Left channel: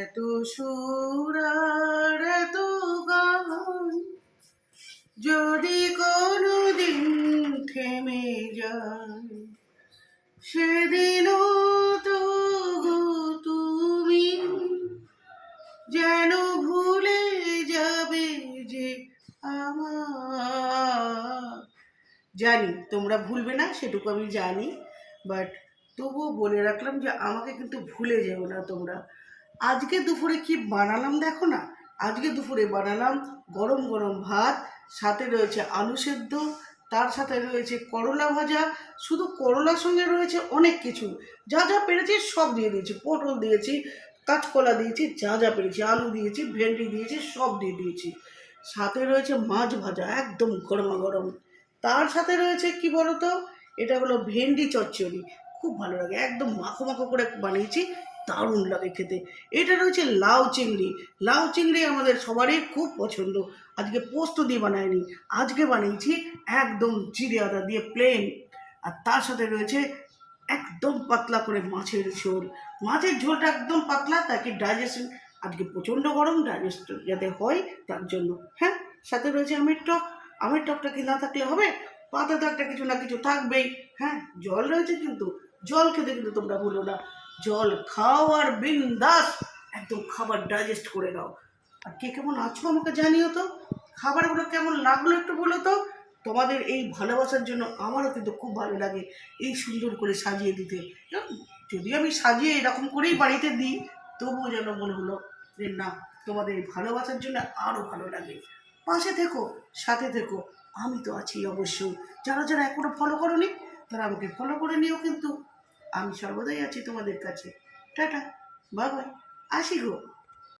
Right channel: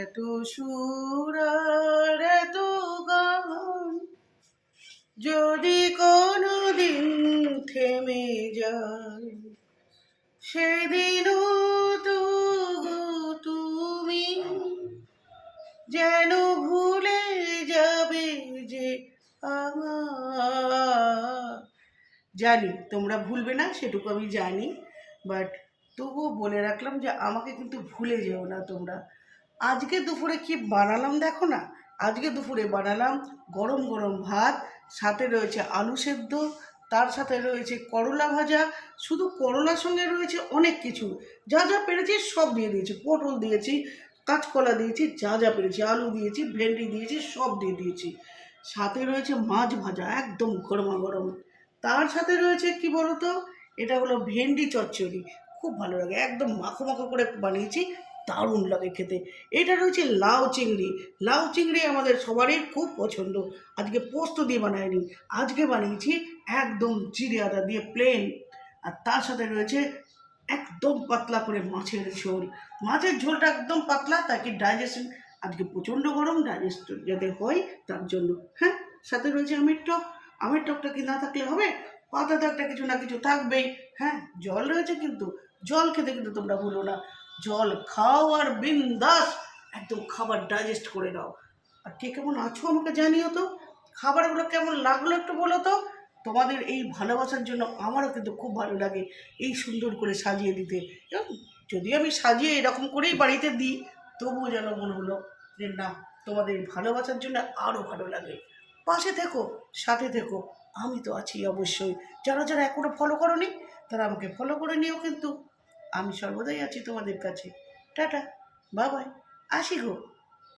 এত সুর আর এত গান যদি কোনোদিন থেমে যায়, সেদিনও তো গো তুমি যেন ভুলে যাবে যে আমার। জানি তোমরা ভুলবে না, সেটুকু আমি জানি, বাট তবুও বলে রাখলাম যে আমাকে কিন্তু ভুলে যেও না তোমরা। আজকে দুপুরে কি বানালাম দেখো না। আজকে দুপুরে বানালাম গরম গরম ভাত, সাথে রয়েছে আলু সেদ্ধ, তার সাথে রয়েছে করলা ভাজা। শুধু করলার সঙ্গে রয়েছে অনেক কিছু, যা যা পেরেছি সব দিয়ে দিয়েছি। পটল দিয়েছি, কাঁচকলা দিয়েছি, যা যা পেরেছি, আলু দিয়েছি, ভেন্ডি দিয়েছি, সব দিয়ে দিয়েছি। সাথে রয়েছে মাছ ভাজা একদম গরমা গরম। তার সাথে রয়েছে কি বলতো, এটা হলো ভেন্ডি চচ্চড়ি। খুব ভালো লাগে, একদম মাখো মাখো করে বানিয়েছি, দারুণ লাগে খেতে। এটা রয়েছে লাউ চিংড়ি। লাউ চিংড়ি আমাদের সবারই খুব পছন্দ। আজকে পোস্ত দিয়ে বানাইনি, আজকে বানিয়েছি একদম জিরে আদা দিয়ে প্লেন। আর তার সাথে রয়েছে একদম পাতলা করে মাছের ঝোল। মাছের ঝোলটা একদম পাতলা, তাকে ডাইজেশন, আজকে প্রচণ্ড গরম, ডাইজেস্ট যাতে হয় তার জন্য। হ্যাঁ, সাথে রয়েছে আমের টক। আমের টকটা কি না থাকলে হবে? পাতা তো একটা কিছু না কিছু থাকবেই। হ্যাঁ, জল রয়েছে, কিন্তু জল খেতে কিন্তু তোমরা ভুলো না। জল খাও আর বিন্দাস একদম খাবার ডাইজেস্ট করে নাও। আর কে কেমন আছো আমাকে জানিও তো, খাবারগুলো কেমন লাগলো একটু বলো তো। তোমাদের এই ভালোবাসার জন্য আমারও কিন্তু খুব ভালো লাগে এই সুন্দর করে সাজিয়ে দিতে। যদিও আমি সাজিয়ে এরকম করেই বাড়িতে দিই, তবুও যেন মনে হলো যে না, তোমাদের এই ভালোবাসার জন্য আরও ভালো লাগে। পাশে থেকো, সাথে থেকো, আমি তো আছি অবশ্যই। যারা যারা এখনও ফলো করোনি তারা আমাকে ফলো করে নিও কিন্তু। আমি সর্বদাই আছি তোমাদের কাছে। টাটা, বাই বাই, আসি গো।